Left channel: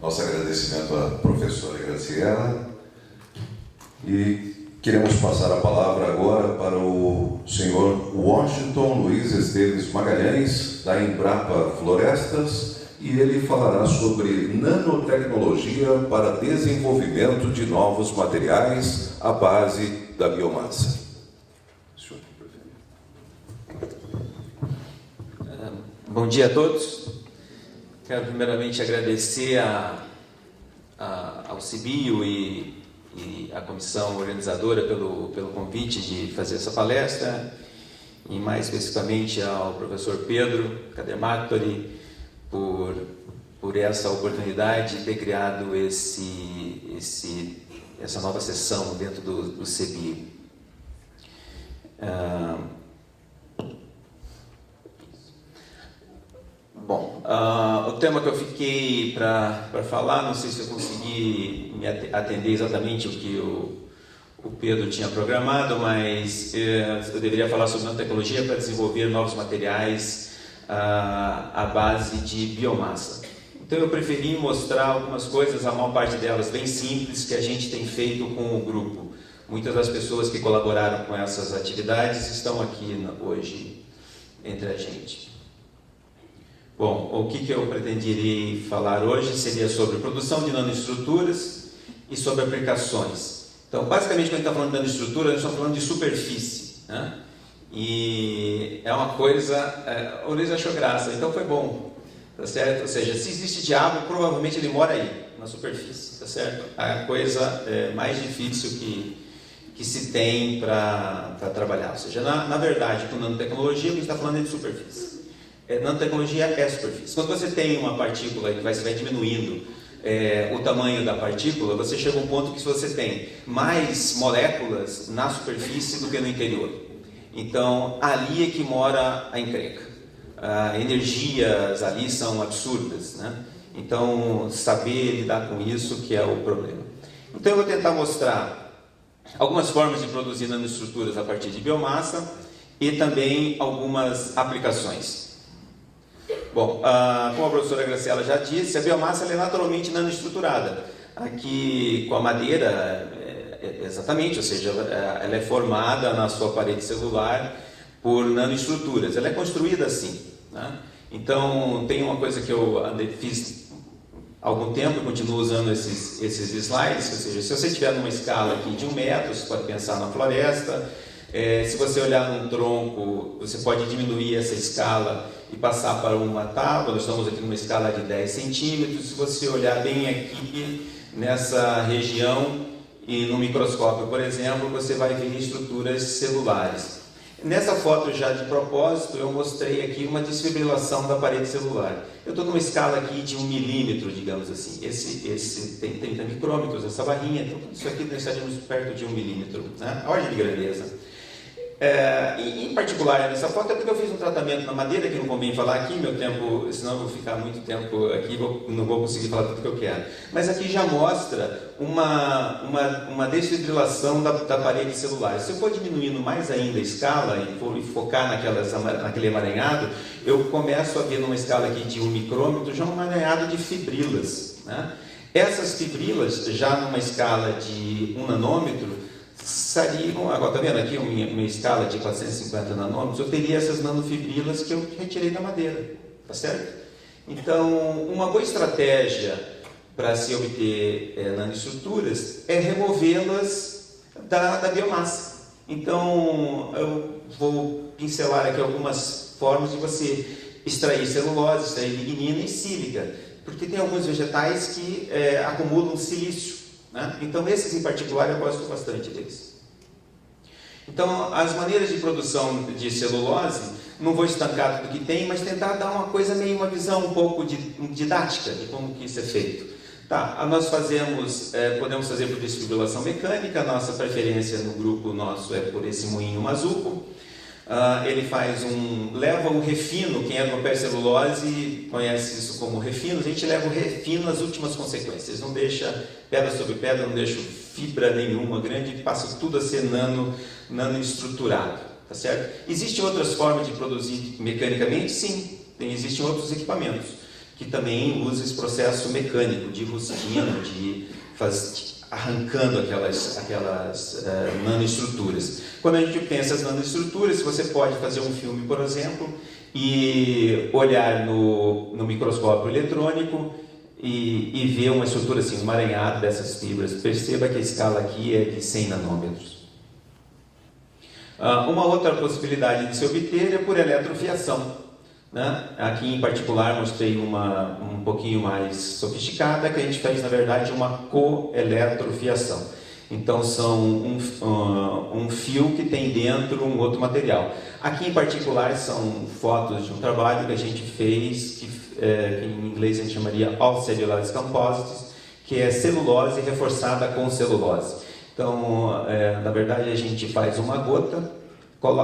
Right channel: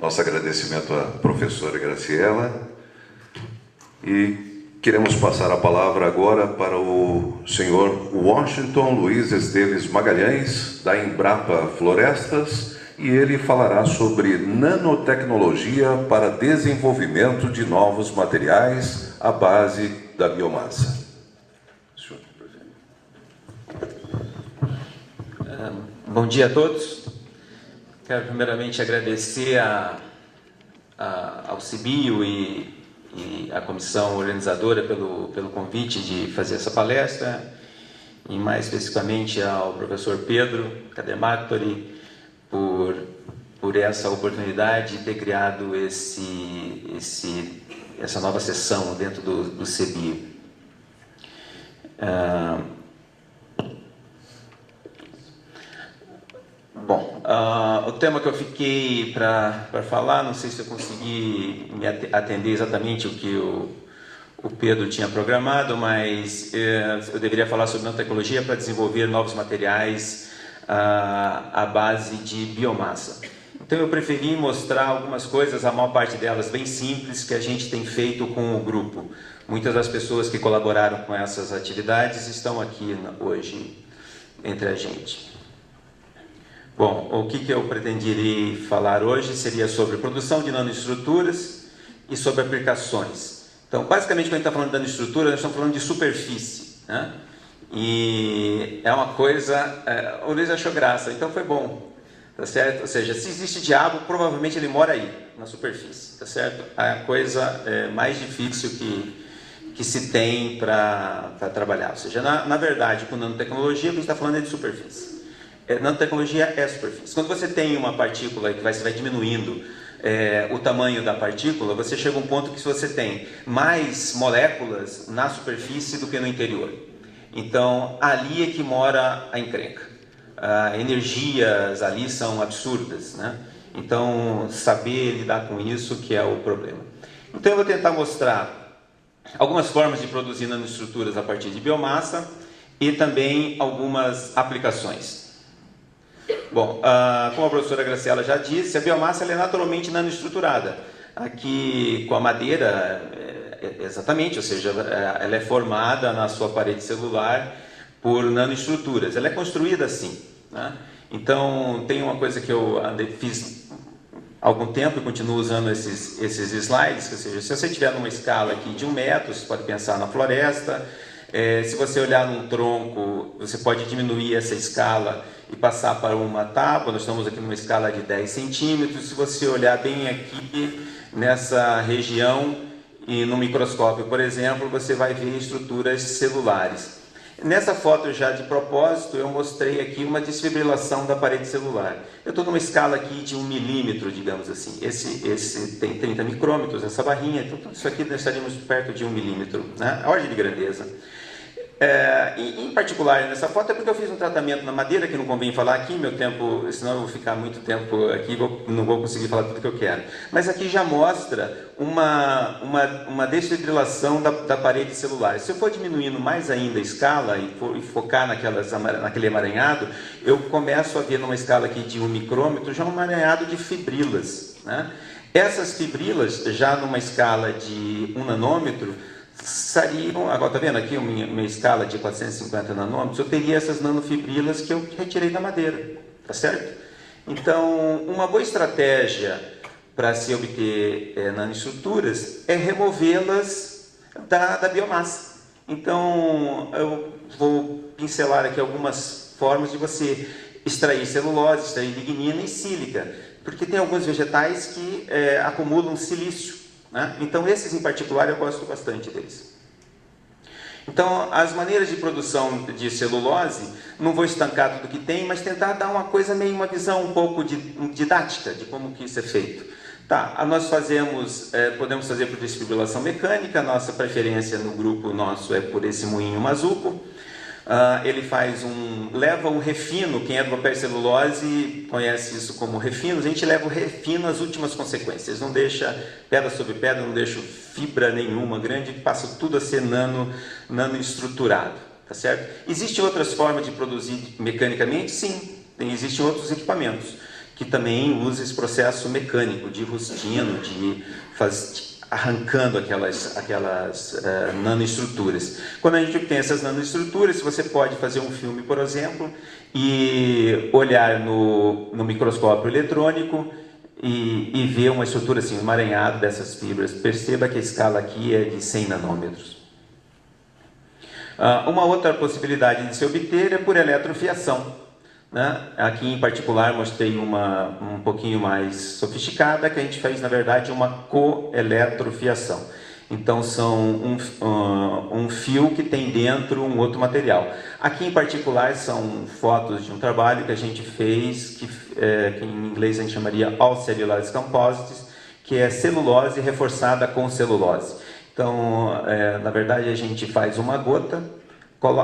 Nosso agradecimento à professora Graciela. E queremos passar a palavra agora para o senhor Washington Luiz Esteves Magalhães, da Embrapa Florestas, e ele falará sobre nanotecnologia para desenvolvimento de novos materiais à base da biomassa. Bom dia a todos. Quero primeiramente agradecer ao CBio e à comissão organizadora pelo convite de fazer essa palestra, e mais especificamente ao professor Pedro Cademactori por essa oportunidade de ter criado essa nova sessão dentro do CBio. Bom, o tema que eu fiquei para falar, não sei se eu consegui me atender exatamente o que o Pedro tinha programado, mas eu deveria falar sobre nanotecnologia para desenvolver novos materiais à base de biomassa. Então eu preferi mostrar algumas coisas, a maior parte delas bem simples, que a gente tem feito com o grupo. Muitas das pessoas que colaboraram com essas atividades estão aqui hoje entre a gente. Bom, o que eu pretenderia falar hoje seria sobre produção de nanoestruturas e sobre aplicações. Então, basicamente, quando a gente está falando de nanoestrutura, nós estamos falando de superfície, né? E é uma coisa... o Luiz achou graça, então foi bom, tá certo? Ou seja, se existe diabo, provavelmente ele mora aí, na superfície, tá certo? A coisa mais difícil que se tem para trabalhar. Ou seja, na verdade, com nanotecnologia, a gente está falando de superfície. Nanotecnologia é superfície. Quando você tem uma partícula que vai diminuindo o tamanho da partícula, você chega a um ponto que você tem mais moléculas na superfície do que no interior. Então, ali é que mora a encrenca. Energias ali são absurdas, né? Então, saber lidar com isso que é o problema. Então, eu vou tentar mostrar algumas formas de produzir nanoestruturas a partir de biomassa e também algumas aplicações. Bom, como a professora Graciela já disse, a biomassa é naturalmente nanoestruturada. Aqui com a madeira, exatamente, ou seja, ela é formada na sua parede celular por nanoestruturas. Ela é construída assim, né? Então, tem uma coisa que eu fiz há algum tempo e continuo usando esses slides, ou seja, se você estiver numa escala aqui de 1 metro, você pode pensar na floresta. Se você olhar num tronco, você pode diminuir essa escala e passar para uma tábua. Nós estamos aqui numa escala de 10 centímetros. Se você olhar bem aqui nessa região e no microscópio, por exemplo, você vai ver estruturas celulares. Nessa foto já de propósito, eu mostrei aqui uma desfibrilação da parede celular. Eu estou numa escala aqui de 1 milímetro, digamos assim. Esse tem 30 micrômetros, essa barrinha. Então, isso aqui nós estaríamos perto de 1 milímetro, né? A ordem de grandeza. Em particular, nessa foto é porque eu fiz um tratamento na madeira, que não convém falar aqui, meu tempo, senão eu vou ficar muito tempo aqui, não vou conseguir falar tudo que eu quero. Mas aqui já mostra uma desfibrilação da parede celular. Se eu for diminuindo mais ainda a escala e focar naquele emaranhado, eu começo a ver numa escala aqui de 1 micrômetro já um emaranhado de fibrilas, né? Essas fibrilas, já numa escala de 1 nanômetro, agora está vendo aqui uma escala de 450 nanômetros, eu teria essas nanofibrilas que eu retirei da madeira, tá certo? Então, uma boa estratégia para se obter nanoestruturas é removê-las da biomassa. Então, eu vou pincelar aqui algumas formas de você extrair celulose, extrair lignina e sílica, porque tem alguns vegetais que acumulam silício, né? Então, esses em particular eu gosto bastante deles. Então, as maneiras de produção de celulose, não vou estancar tudo que tem, mas tentar dar uma visão um pouco didática de como que isso é feito. Tá, nós podemos fazer por desfibrilação mecânica, nossa preferência no grupo nosso é por esse moinho Mazuco. Ele leva um refino, quem é do papel celulose conhece isso como refino, a gente leva o refino às últimas consequências, não deixa pedra sobre pedra, não deixa fibra nenhuma grande, passa tudo a ser nanoestruturado, tá certo? Existem outras formas de produzir mecanicamente? Sim, existem outros equipamentos que também usa esse processo mecânico de rustino, arrancando aquelas nanoestruturas. Quando a gente tem essas nanoestruturas, você pode fazer um filme, por exemplo, e olhar no microscópio eletrônico e ver uma estrutura assim, um emaranhado dessas fibras. Perceba que a escala aqui é de 100 nanômetros. Uma outra possibilidade de se obter é por eletrofiação, né? Aqui em particular mostrei uma um pouquinho mais sofisticada, que a gente fez na verdade uma coeletrofiação. Então são um fio que tem dentro um outro material. Aqui em particular são fotos de um trabalho que a gente fez, que em inglês a gente chamaria All Cellulose Composites, que é celulose reforçada com celulose. Então, na verdade, a gente faz uma gota,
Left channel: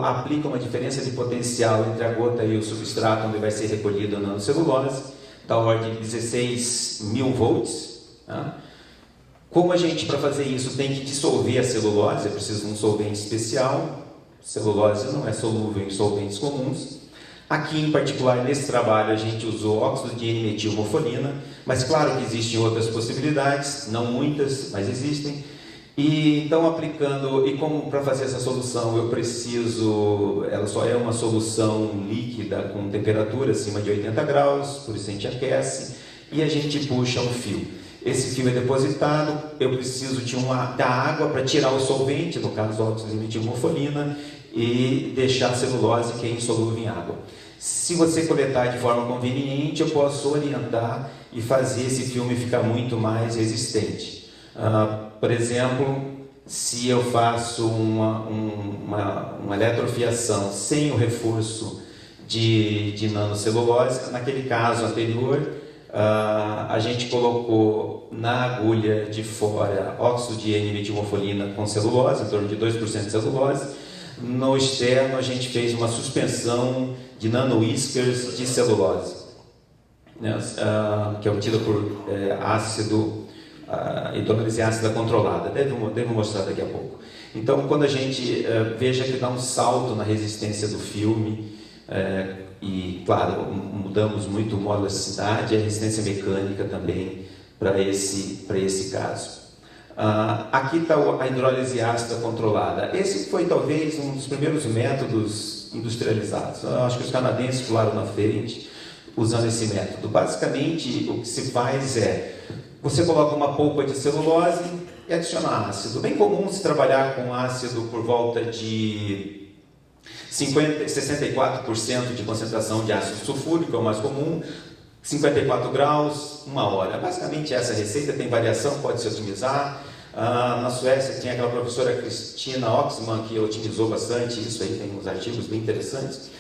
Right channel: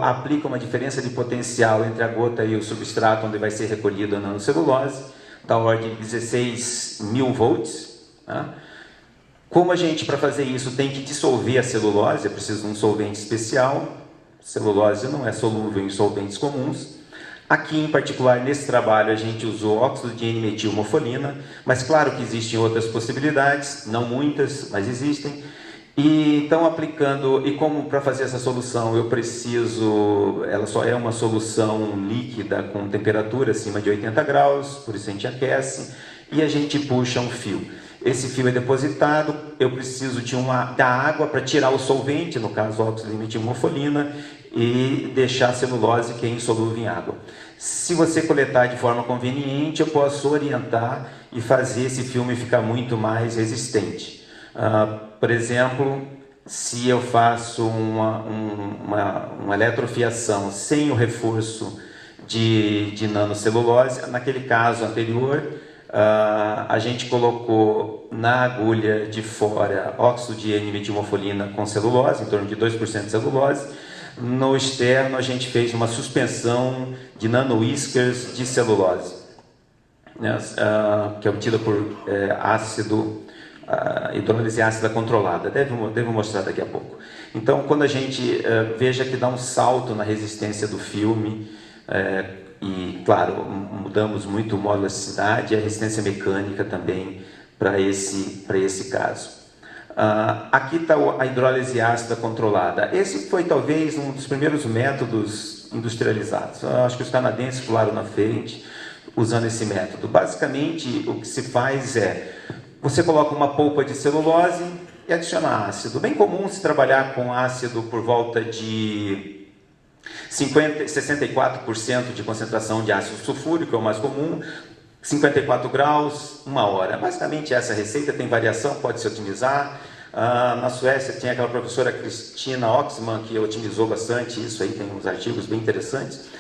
aplica uma diferença de potencial entre a gota e o substrato onde vai ser recolhida a nanocelulose, da ordem de 16.000 volts. Né? Como a gente, para fazer isso, tem que dissolver a celulose, é preciso de um solvente especial. Celulose não é solúvel em solventes comuns. Aqui, em particular, nesse trabalho, a gente usou óxido de N-metilmofolina, mas claro que existem outras possibilidades, não muitas, mas existem. E então, aplicando, e como para fazer essa solução eu preciso, ela só é uma solução líquida com temperatura acima de 80 graus, por isso a gente aquece, e a gente puxa um fio. Esse fio é depositado, eu preciso da água para tirar o solvente, no caso óxido de metilmofolina, e deixar a celulose que é insolúvel em água. Se você coletar de forma conveniente, eu posso orientar e fazer esse filme ficar muito mais resistente. Por exemplo, se eu faço uma eletrofiação sem o reforço de nanocelulose, naquele caso anterior, a gente colocou na agulha de fora óxido de N-metilmofolina com celulose, em torno de 2% de celulose. No externo, a gente fez uma suspensão de nano-whiskers de celulose, né, que é obtida por hidrólise ácida controlada. Devo mostrar daqui a pouco. Então, quando a gente veja que dá um salto na resistência do filme, e, claro, mudamos muito o modo de elasticidade e a resistência mecânica também para esse caso. Aqui está a hidrólise ácida controlada. Esse foi talvez um dos primeiros métodos industrializados. Acho que os canadenses pularam na frente usando esse método. Basicamente, o que se faz é, você coloca uma polpa de celulose e adiciona ácido. Bem comum se trabalhar com ácido por volta de 64% de concentração de ácido sulfúrico, é o mais comum, 54 graus, 1 hora. Basicamente essa receita tem variação, pode se otimizar. Na Suécia tem aquela professora Kristina Oxman que otimizou bastante isso, aí tem uns artigos bem interessantes.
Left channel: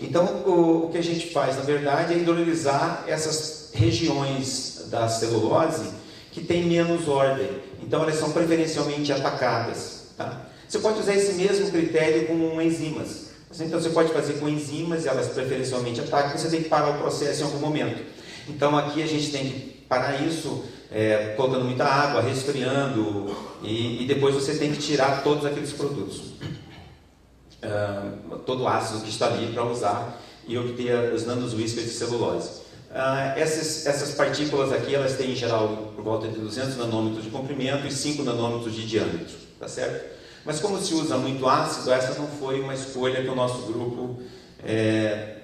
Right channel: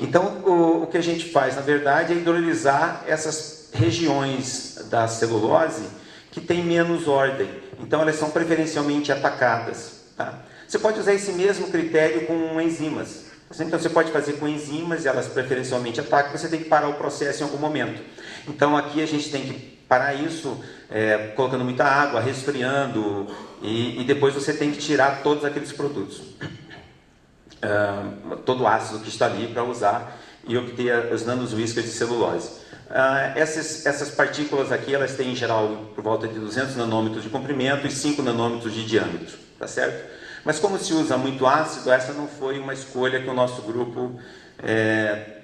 Então o que a gente faz na verdade é hidrolisar essas regiões da celulose que tem menos ordem, então elas são preferencialmente atacadas. Tá? Você pode usar esse mesmo critério com enzimas. Então você pode fazer com enzimas, elas preferencialmente atacam, você tem que parar o processo em algum momento. Então aqui a gente tem que parar isso, colocando muita água, resfriando, e depois você tem que tirar todos aqueles produtos, todo o ácido que está ali para usar e obter os nano-whiskers de celulose. Essas partículas aqui, elas têm em geral por volta de 200 nanômetros de comprimento e 5 nanômetros de diâmetro, tá certo? Mas como se usa muito ácido, essa não foi uma escolha que o nosso grupo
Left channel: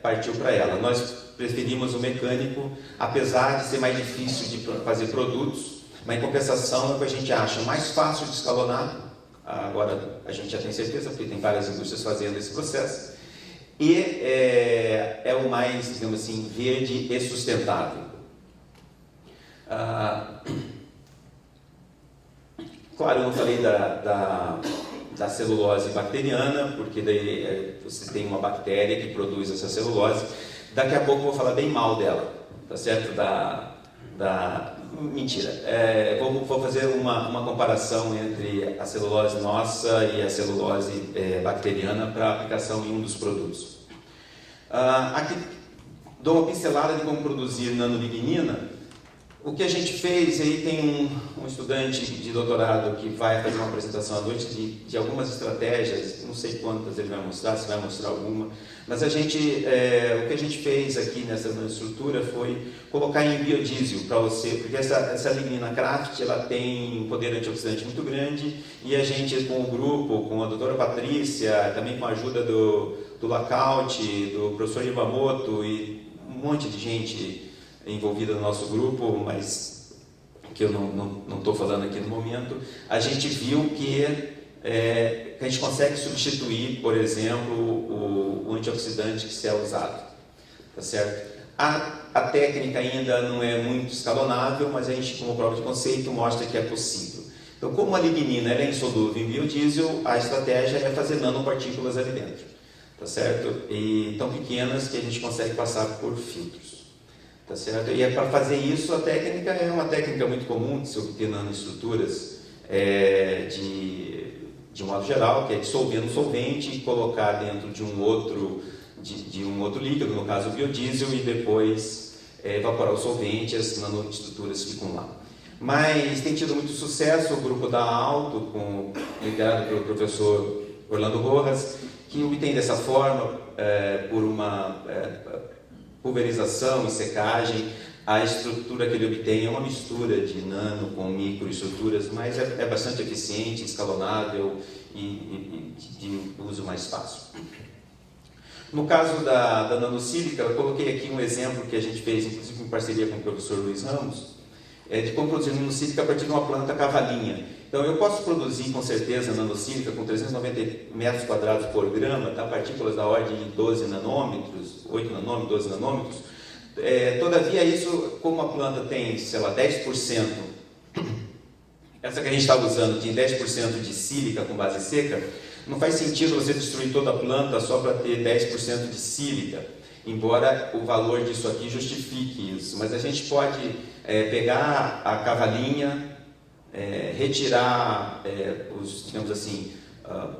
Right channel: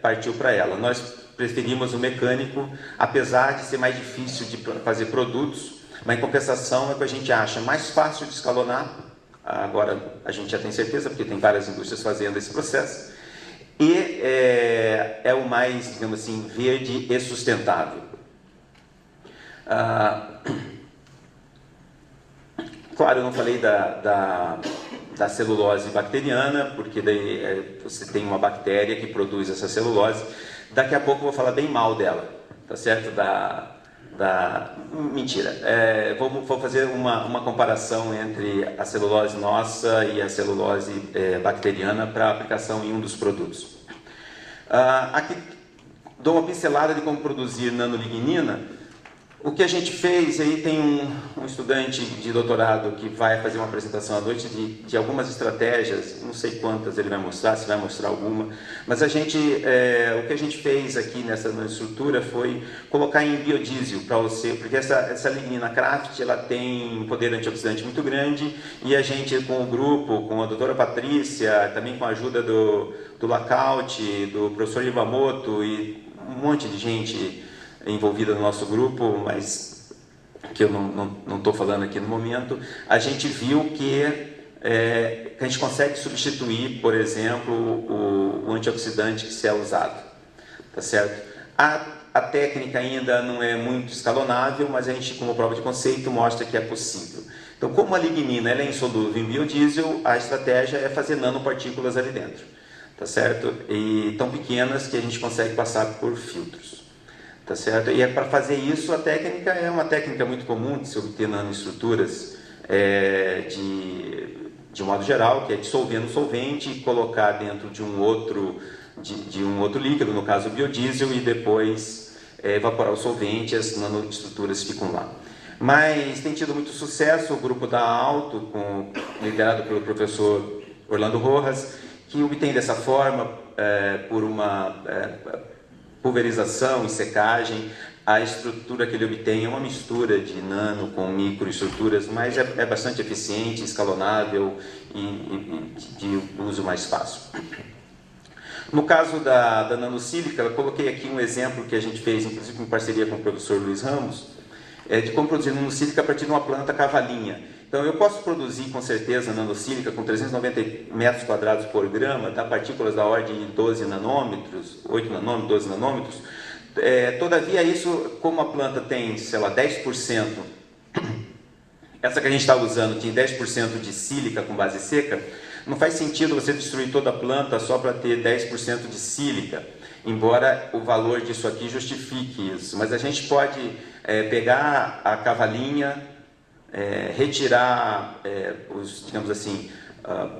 partiu para ela. Nós preferimos o mecânico, apesar de ser mais difícil de fazer produtos, mas em compensação é o que a gente acha mais fácil de escalonar. Agora a gente já tem certeza, porque tem várias indústrias fazendo esse processo. E é o mais, digamos assim, verde e sustentável. Claro, eu não falei da celulose bacteriana, porque daí você tem uma bactéria que produz essa celulose. Daqui a pouco eu vou falar bem mal dela, tá certo? Mentira. Vou fazer uma comparação entre a celulose nossa e a celulose bacteriana para aplicação em um dos produtos. Aqui dou uma pincelada de como produzir nanolignina. O que a gente fez, aí tem um estudante de doutorado que vai fazer uma apresentação à noite de algumas estratégias, não sei quantas ele vai mostrar, se vai mostrar alguma, mas o que a gente fez aqui nessa estrutura foi colocar em biodiesel para você, porque essa lignina Kraft, ela tem um poder antioxidante muito grande, e a gente com o grupo, com a doutora Patrícia, também com a ajuda do Lacaute, do professor Iwamoto e um monte de gente envolvida no nosso grupo, mas que eu não estou falando aqui no momento, a gente viu que a gente consegue substituir, por exemplo, o antioxidante que se é usado, tá certo? A técnica ainda não é muito escalonável, mas a gente, como prova de conceito, mostra que é possível. Então, como a lignina ela é insolúvel em biodiesel, a estratégia é fazer nanopartículas ali dentro, tá certo? E tão pequenas que a gente consegue passar por filtros. Tá certo? E para fazer isso, a técnica é uma técnica muito comum de se obter nanoestruturas de modo geral, que é dissolver no solvente e colocar dentro de um outro líquido, no caso o biodiesel, e depois evaporar o solvente e as nanoestruturas ficam lá. Mas tem tido muito sucesso o grupo da Alto, liderado pelo professor Orlando Rojas, que obtém dessa forma, por uma pulverização e secagem, a estrutura que ele obtém é uma mistura de nano com microestruturas, mas é bastante eficiente, escalonável e de uso mais fácil. No caso da nanosílica, eu coloquei aqui um exemplo que a gente fez, inclusive em parceria com o professor Luiz Ramos, de como produzir nanosílica a partir de uma planta cavalinha. Então, eu posso produzir com certeza nanosílica com 390 metros quadrados por grama, tá? Partículas da ordem de 12 nanômetros, 8 nanômetros, 12 nanômetros. Todavia, isso, como a planta tem, sei lá, 10%, essa que a gente está usando tem 10% de sílica com base seca, não faz sentido você destruir toda a planta só para ter 10% de sílica, embora o valor disso aqui justifique isso. Mas a gente pode pegar a cavalinha, retirar digamos assim,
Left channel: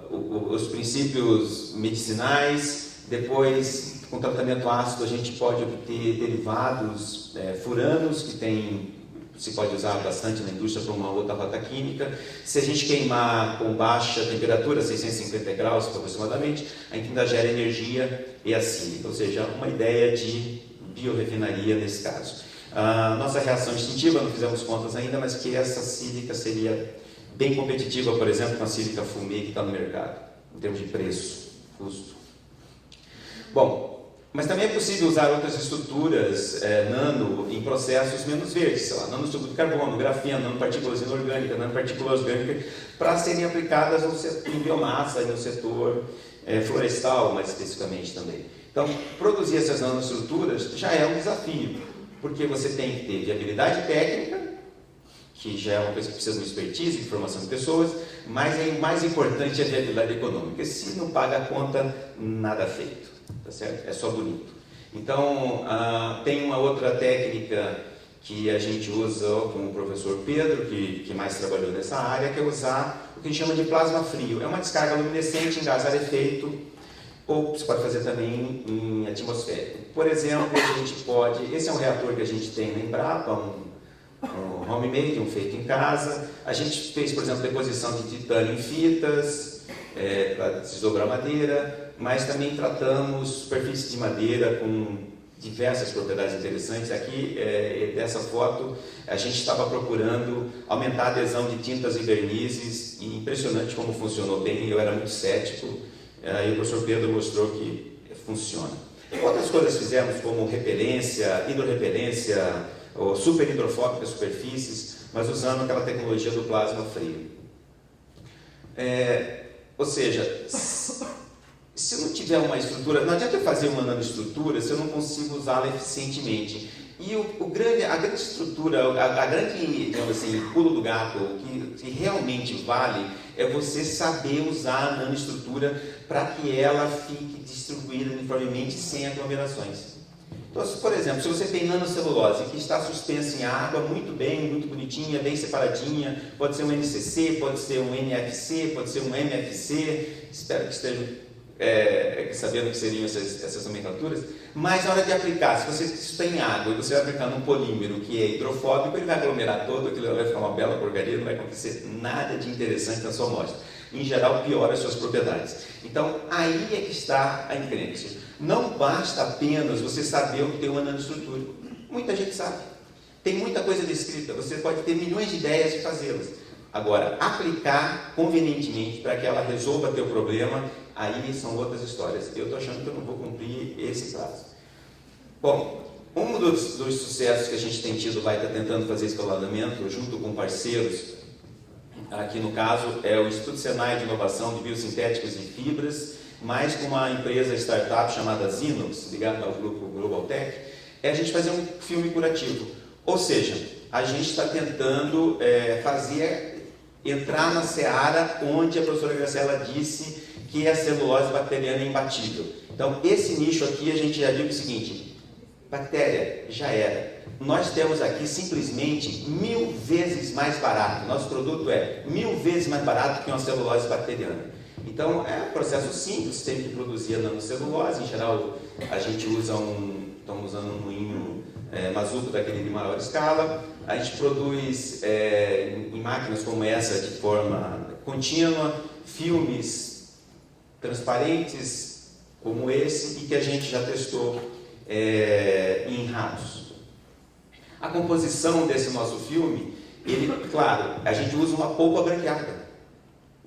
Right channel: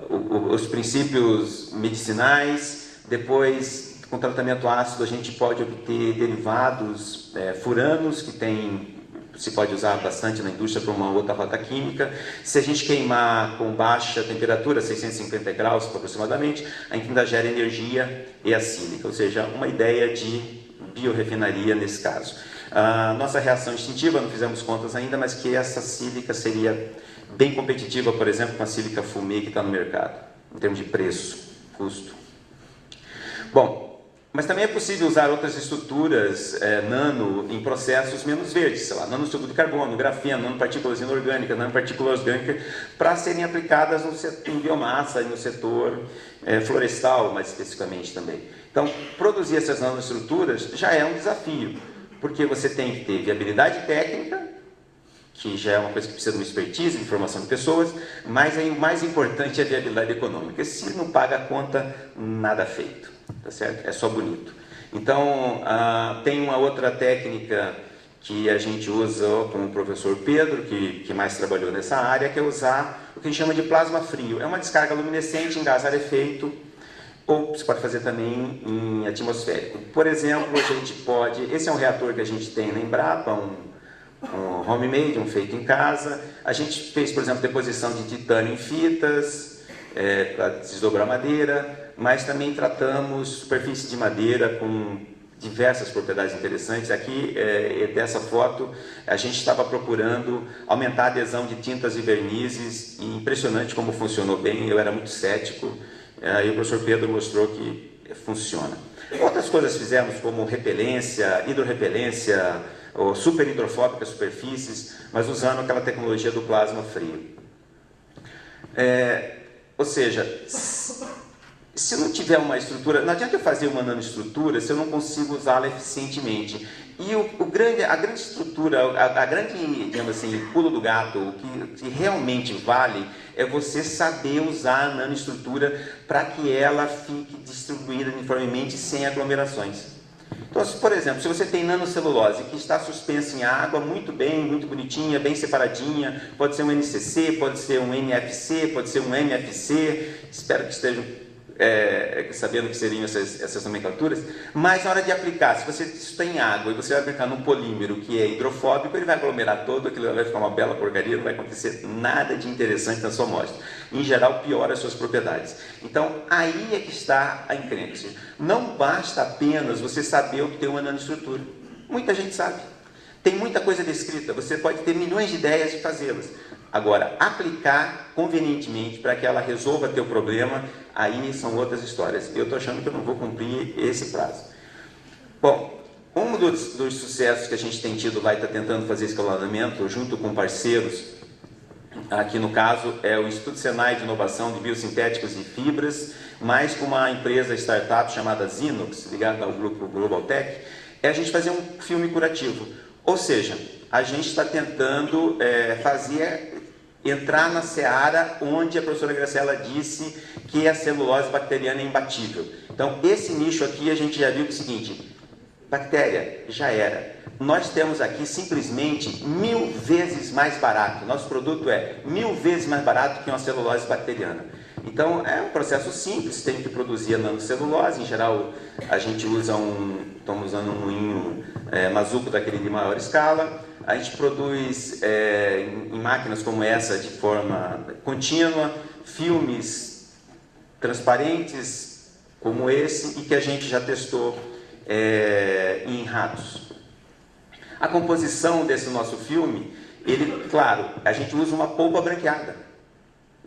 os princípios medicinais, depois com tratamento ácido a gente pode obter derivados furanos que se pode usar bastante na indústria para uma outra rota química. Se a gente queimar com baixa temperatura, 650 graus aproximadamente, a gente ainda gera energia e a sílica, ou seja, uma ideia de biorefinaria nesse caso. Nossa reação instintiva, não fizemos contas ainda, mas que essa sílica seria bem competitiva, por exemplo, com a sílica fumê que está no mercado, em termos de preço, custo. Bom, mas também é possível usar outras estruturas nano em processos menos verdes, sei lá, nanoestrutura de carbono, grafeno, nanopartículas inorgânicas, nanopartículas orgânicas, para serem aplicadas em biomassa e no setor florestal, mais especificamente também. Então, produzir essas nanoestruturas já é um desafio, porque você tem que ter viabilidade técnica, que já é uma coisa que precisa de uma expertise, de formação de pessoas, mas aí o mais importante é a viabilidade econômica. Se não paga a conta, nada feito, tá certo? É só bonito. Então, tem uma outra técnica que a gente usa com o professor Pedro, que mais trabalhou nessa área, que é usar o que a gente chama de plasma frio. É uma descarga luminescente em gás rarefeito, ou você pode fazer também em atmosférico. Por exemplo, a gente pode... Esse é um reator que a gente tem na Embrapa, um homemade, um feito em casa. A gente fez, por exemplo, deposição de titânio em fitas, para desdobrar madeira, mas também tratamos superfície de madeira com diversas propriedades interessantes. Aqui, dessa foto, a gente estava procurando aumentar a adesão de tintas e vernizes, e impressionante como funcionou bem, eu era muito cético. Aí o professor Pedro mostrou que funciona. Outras coisas fizemos, como repelência, hidrorrepelência, ou super hidrofóbica superfícies, mas usando aquela tecnologia do plasma frio. Ou seja, se não tiver uma estrutura, não adianta eu fazer uma nanoestrutura se eu não consigo usá-la eficientemente. E a grande estrutura, a grande, digamos assim, pulo do gato, o que realmente vale é você saber usar a nanoestrutura para que ela fique distribuída uniformemente sem aglomerações. Então, por exemplo, se você tem nanocelulose que está suspensa em água, muito bem, muito bonitinha, bem separadinha, pode ser um NCC, pode ser um NFC, pode ser um MFC, espero que estejam sabendo que seriam essas nomenclaturas, mas na hora de aplicar, se você está em água e você vai aplicar num polímero que é hidrofóbico, ele vai aglomerar todo, aquilo vai ficar uma bela porcaria, não vai acontecer nada de interessante na sua amostra. Em geral, piora as suas propriedades. Então, aí é que está a encrenca. Não basta apenas você saber o que tem uma nanoestrutura. Muita gente sabe. Tem muita coisa descrita, você pode ter milhões de ideias de fazê-las. Agora, aplicar convenientemente para que ela resolva teu problema, aí são outras histórias. Eu estou achando que eu não vou cumprir esse prazo. Bom, um dos sucessos que a gente tem tido lá e está tentando fazer escalonamento junto com parceiros, aqui no caso é o Instituto Senai de Inovação de Biosintéticos e Fibras, mais com uma empresa startup chamada Zinox, ligada ao grupo Global Tech, é a gente fazer um filme curativo. Ou seja, a gente está tentando entrar na seara onde a professora Graciela disse que a celulose bacteriana é imbatível. Então, esse nicho aqui a gente já viu que é o seguinte: bactéria, já era. Nós temos aqui simplesmente 1000 vezes mais barato. Nosso produto é 1000 vezes mais barato que uma celulose bacteriana. Então, é um processo simples, tem que produzir a nanocelulose. Em geral, a gente usa estamos usando um moinho Mazuco daquele de maior escala. A gente produz em máquinas como essa de forma contínua, filmes transparentes como esse e que a gente já testou em ratos. A composição desse nosso filme, claro, a gente usa uma polpa branqueada,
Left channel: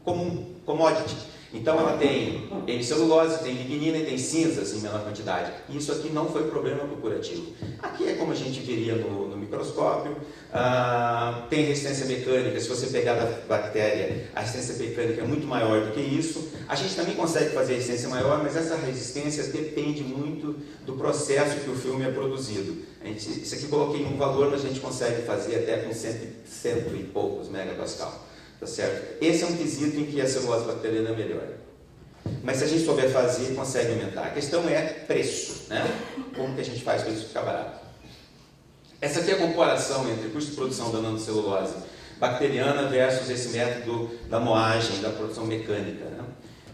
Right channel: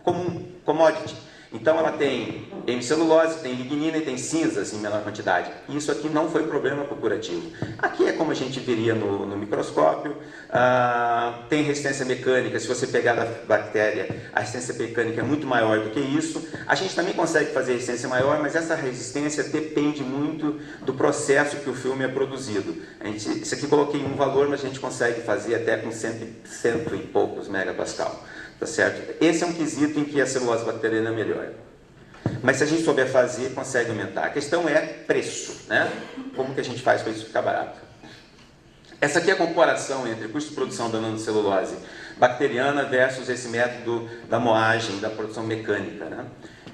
comum, commodity. Então ela tem hemicelulose, tem lignina e tem cinzas em menor quantidade. Isso aqui não foi problema para o curativo. Aqui é como a gente veria no microscópio. Tem resistência mecânica. Se você pegar a bactéria, a resistência mecânica é muito maior do que isso. A gente também consegue fazer resistência maior, mas essa resistência depende muito do processo que o filme é produzido. Isso aqui coloquei um valor, mas a gente consegue fazer até com cento e poucos megapascal. Tá certo? Esse é um quesito em que a celulose bacteriana é melhor. Mas se a gente souber fazer, consegue aumentar. A questão é preço, né? Como que a gente faz para isso ficar barato? Essa aqui é a comparação entre o custo de produção da nanocelulose bacteriana versus esse método da moagem, da produção mecânica, né?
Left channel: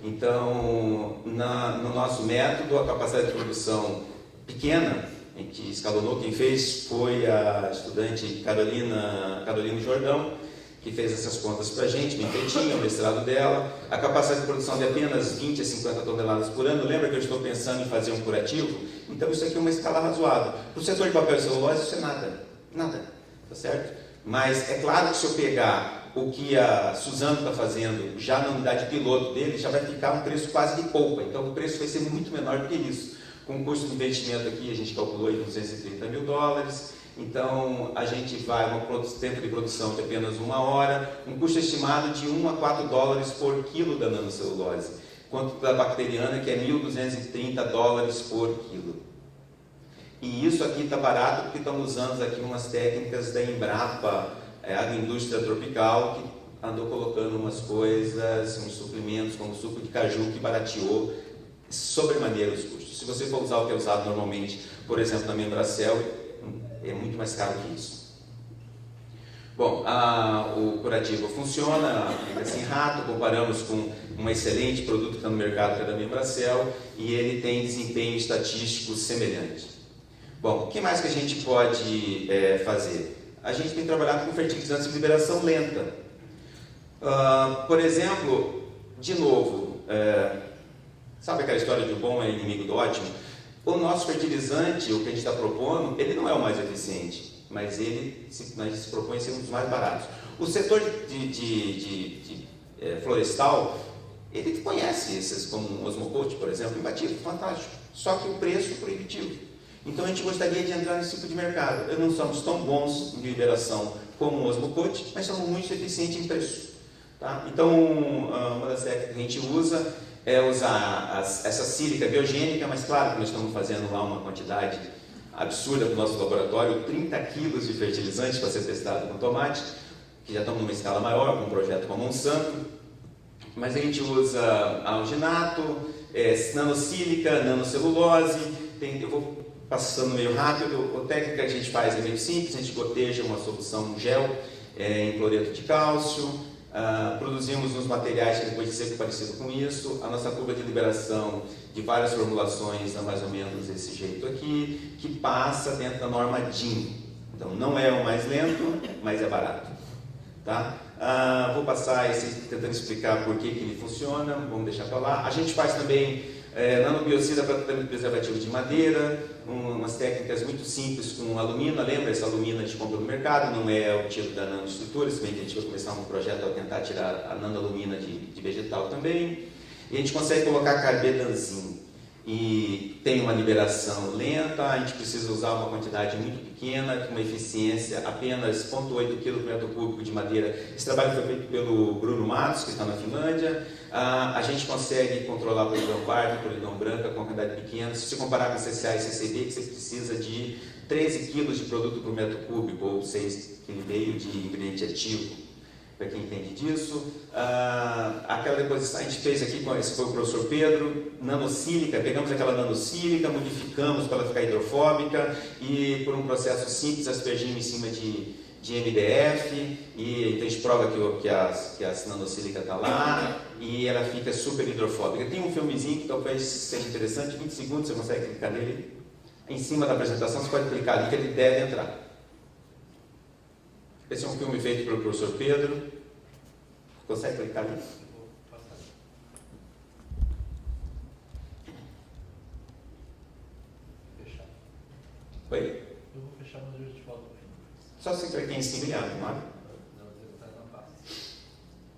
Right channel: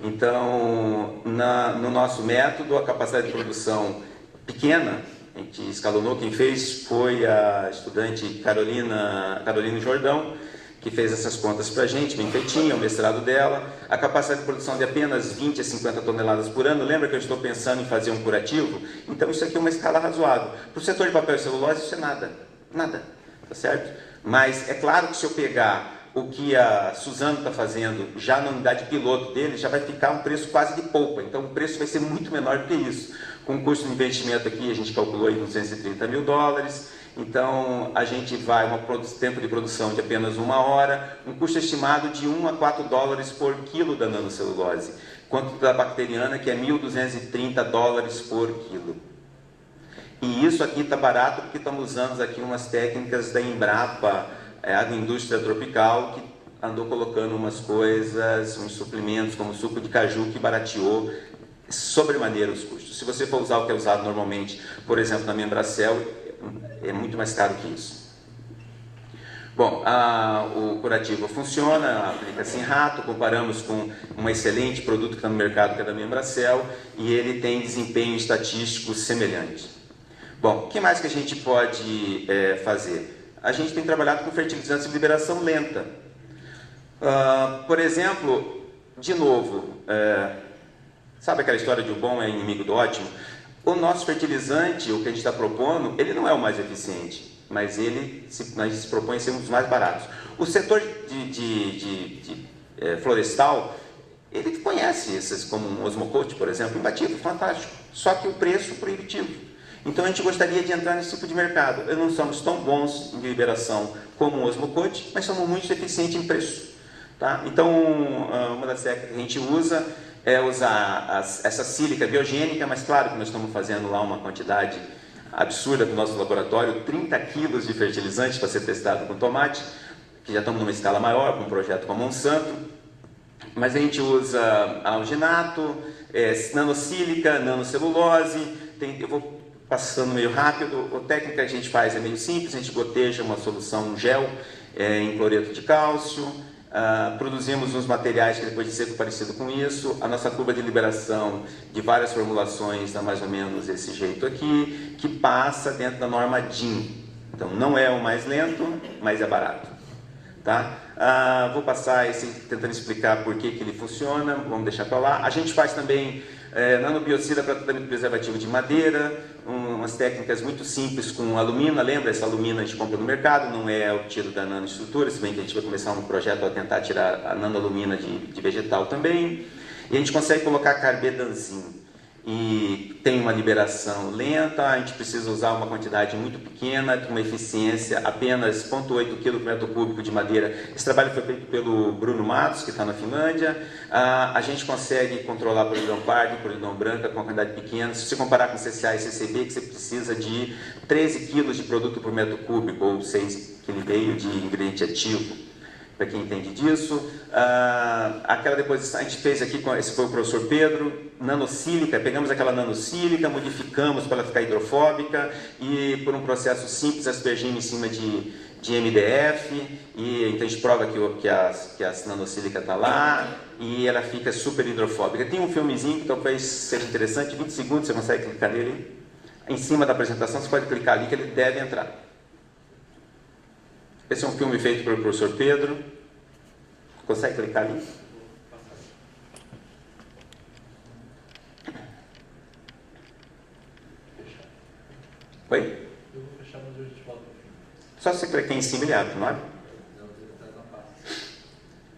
Então, no nosso método, a capacidade de produção pequena, em que escalonou, quem fez foi a estudante Carolina Jordão, que fez essas contas para a gente, bem feitinha, o mestrado dela, a capacidade de produção de apenas 20 a 50 toneladas por ano. Lembra que eu estou pensando em fazer um curativo? Então isso aqui é uma escala razoável. Para o setor de papel e celulose isso é nada, tá certo? Mas é claro que se eu pegar o que a Suzano está fazendo já na unidade piloto dele, já vai ficar um preço quase de polpa, então o preço vai ser muito menor do que isso. Com o custo de investimento aqui, a gente calculou em $230 mil, então a gente vai tempo de produção de apenas 1 hora, um custo estimado de $1 a $4 por quilo da nanocelulose, quanto da bacteriana, que é $1.230 por quilo. E isso aqui está barato porque estamos usando aqui umas técnicas da Embrapa, agroindústria tropical, que andou colocando umas coisas, uns suplementos como suco de caju, que barateou sobremaneira os custos. Se você for usar o que é usado normalmente, por exemplo, na Membracel, é muito mais caro que isso. Bom, o curativo funciona, aplica-se em rato, comparamos com um excelente produto que está no mercado, que é da Membracel, e ele tem desempenho estatístico semelhante. Bom, o que mais que a gente pode fazer? A gente tem trabalhado com fertilizantes de liberação lenta. Por exemplo, de novo, sabe aquela história de o bom é inimigo do ótimo? O nosso fertilizante, o que a gente está propondo, ele não é o mais eficiente, mas a gente se propõe a ser um dos mais baratos. O setor florestal, ele conhece esses, como um Osmocote, por exemplo, imbatível, fantástico, só que o preço proibitivo. Então a gente gostaria de entrar nesse tipo de mercado. Nós não somos tão bons em liberação como o Osmocote, mas somos muito eficientes em preço. Tá? Então, uma das técnicas que a gente usa é usar essa sílica biogênica, mas claro que nós estamos fazendo lá uma quantidade absurda no nosso laboratório, 30 quilos de fertilizante para ser testado com tomate, que já estamos numa escala maior, com um projeto com a Monsanto, mas a gente usa alginato, nanosílica, nanocelulose, eu vou passando meio rápido. A técnica que a gente faz é meio simples, a gente goteja uma solução, um gel, em cloreto de cálcio, Produzimos uns materiais que depois de ser parecido com isso. A nossa curva de liberação de várias formulações dá mais ou menos desse jeito aqui, que passa dentro da norma DIN. Então não é o mais lento, mas é barato. Tá? Vou passar tentando explicar por que ele funciona, vamos deixar para lá. A gente faz também nanobiocida para tratamento preservativo de madeira, umas técnicas muito simples com alumina. Lembra, essa alumina a gente compra no mercado, não é o tiro da nanoestrutura, se bem que a gente vai começar um projeto a tentar tirar a nanoalumina de vegetal também. E a gente consegue colocar carbedanzim. E tem uma liberação lenta, a gente precisa usar uma quantidade muito pequena, com uma eficiência apenas 0,8 kg por metro cúbico de madeira. Esse trabalho foi feito pelo Bruno Matos, que está na Finlândia. A gente consegue controlar polidão parda e polidão branca com uma quantidade pequena. Se você comparar com CCA e CCB, que você precisa de 13 kg de produto por metro cúbico, ou 6,5 kg de ingrediente ativo. Para quem entende disso, aquela deposição, a gente fez aqui, esse foi o professor Pedro, nanosílica, pegamos aquela nanosílica, modificamos para ela ficar hidrofóbica e por um processo simples aspergimos em cima de MDF, e então a gente prova que a nanosílica está lá e ela fica super hidrofóbica. Tem um filmezinho que talvez seja interessante, 20 segundos, você consegue clicar nele, em cima da apresentação, você pode clicar ali que ele deve entrar. Esse é um filme feito pelo professor Pedro. Consegue clicar ali? Oi? Eu vou fechar, mas eu te falo no fim. Só você clicar em cima ele abre, não é?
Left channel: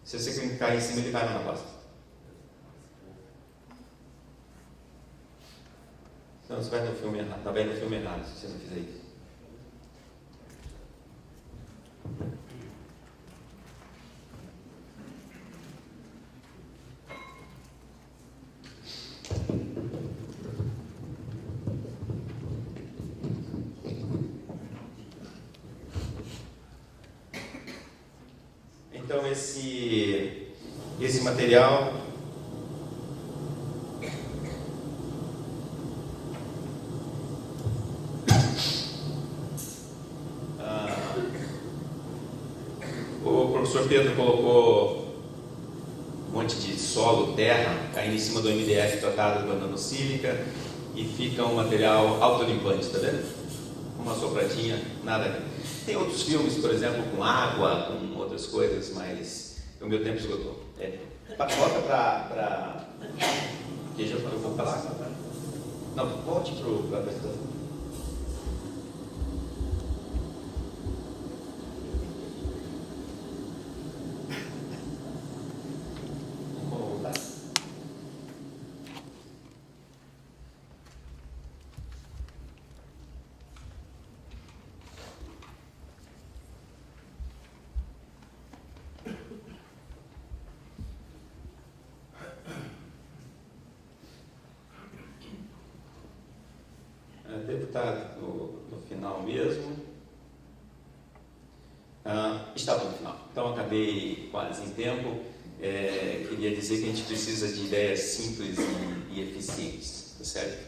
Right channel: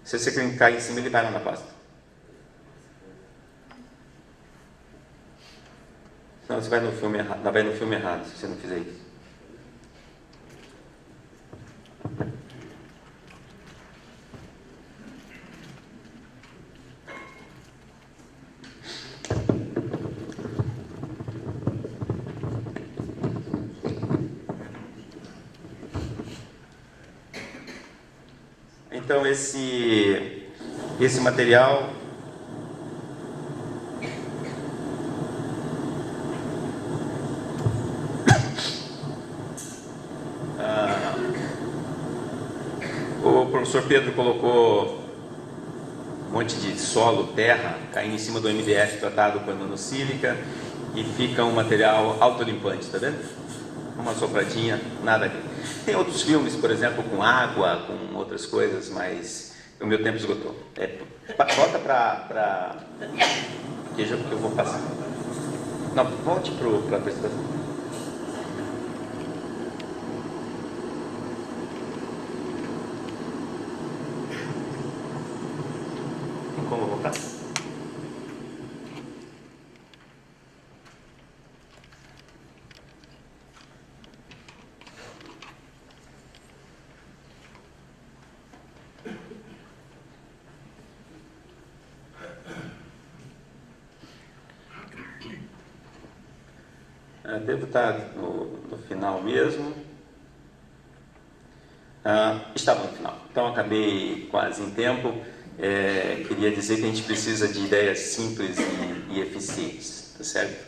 Se você clicar em cima ele vai lá na pasta. Não, você vai no filme errado. Vai no filme errado se você não fizer isso. Então esse material o professor Pedro colocou um monte de solo, terra, caindo em cima do MDF tratado com a nanosílica e fica um material autolimpante, tá vendo? Uma sopradinha, nada aqui. Tem outros filmes, por exemplo, com água, com outras coisas, mas o meu tempo esgotou. Volta para... que eu vou passar. Não, volte para a apresentação. Como voltar? Devo estar no final mesmo. Estava no final, então acabei quase em tempo. Queria dizer que a gente precisa de ideias simples e eficientes, tá certo?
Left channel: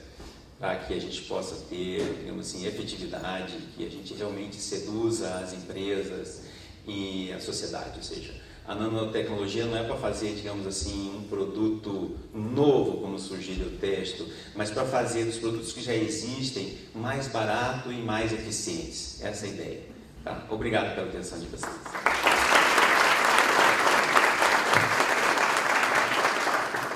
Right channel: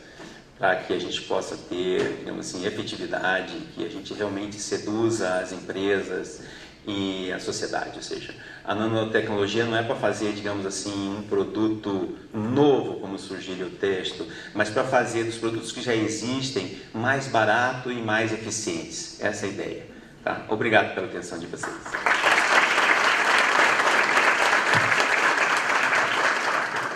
Para que a gente possa ter, digamos assim, efetividade, que a gente realmente seduza as empresas e a sociedade, ou seja, a nanotecnologia não é para fazer, digamos assim, um produto novo, como sugere o texto, mas para fazer dos produtos que já existem mais barato e mais eficientes. Essa é a ideia. Tá? Obrigado pela atenção de vocês.